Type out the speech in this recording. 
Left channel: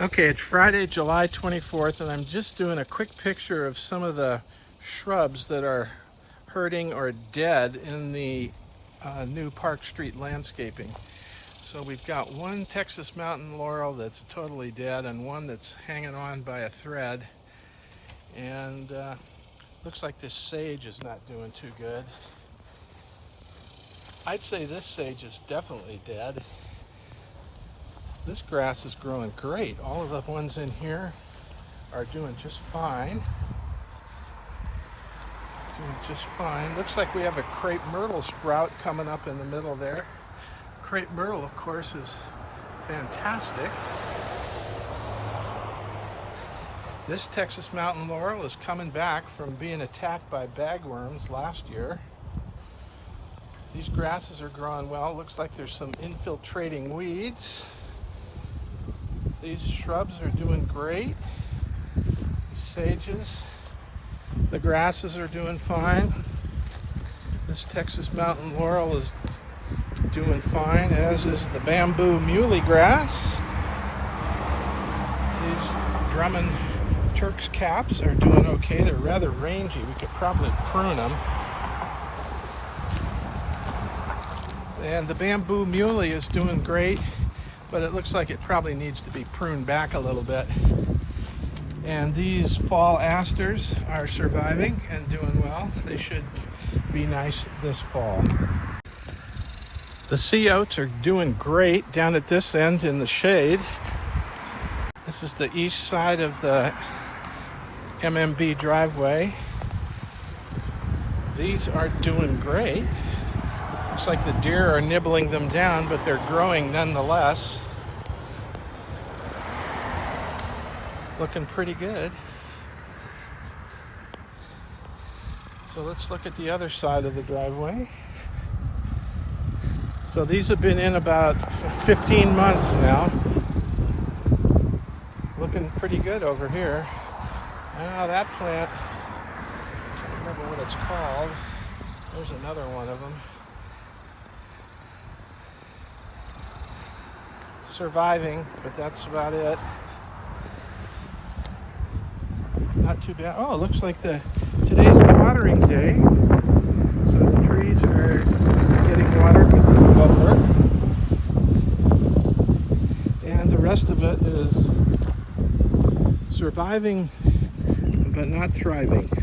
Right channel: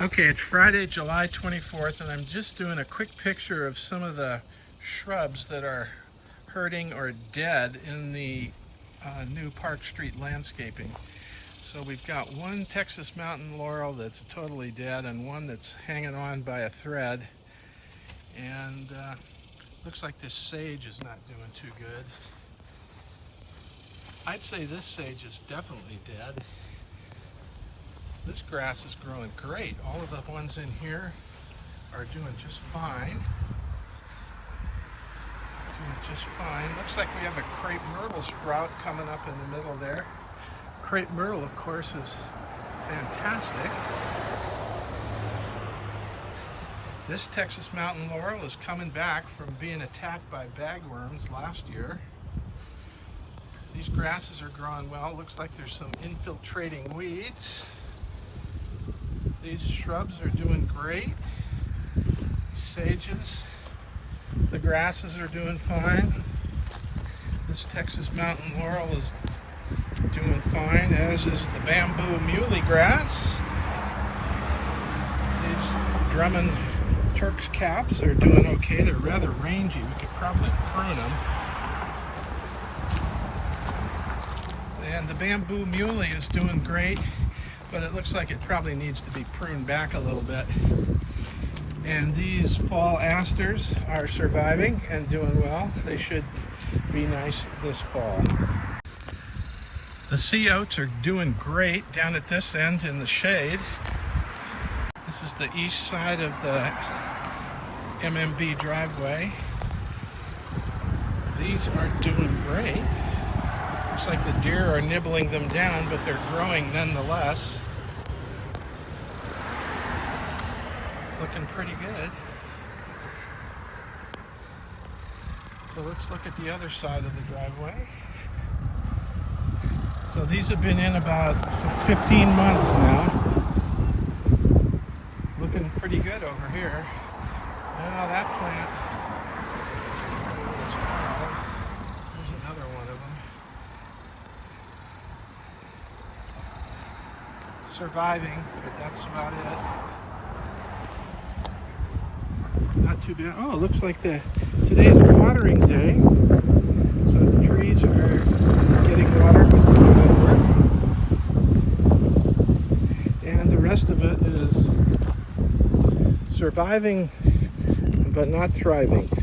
Okay, it's Friday, July 24th, and I'm just doing a quick picture of some of the shrubs that are hurting or dead in the new Park Street landscaping. So we've got one Texas mountain laurel that's totally dead and one that's hanging on by a thread. And looks like this sage is not doing too good. I'd say this sage is definitely dead. This grass is growing great. All of the ones in here are doing just fine. Doing just fine. Looks like we have a crepe myrtle sprout coming up in the middle there. Crepe myrtle, of course, is fantastic. This Texas mountain laurel is coming back from being attacked by bagworms last year. These grasses are growing well. Looks like there's some infiltrating weeds. These shrubs are doing great. Sages, the grasses are doing fine. This Texas mountain laurel is doing fine, as is the bamboo muley grass. These Drummond Turk's caps are doing okay. They're rather rangy. We could probably prune them. And the bamboo muley is doing great, but it looks like it probably needs to be pruned back a little bit. And these fall asters are surviving and doing well. They should be nice this fall. The sea oats are doing great down at this end in the shade. This is the east side of the MMB driveway. These are doing great. Looks like the deer are nibbling them down, but they're growing nonetheless. Looking pretty good. So let's look at the other side of the driveway. So these have been in about 15 months now. Looking pretty good over here. Now that plant, I don't remember what it's called. There's another one of them. Surviving, but that's about it. Not too bad. Oh, it looks like today's watering day. So the trees are getting watered with the mower. And the rest of it is surviving, but not thriving.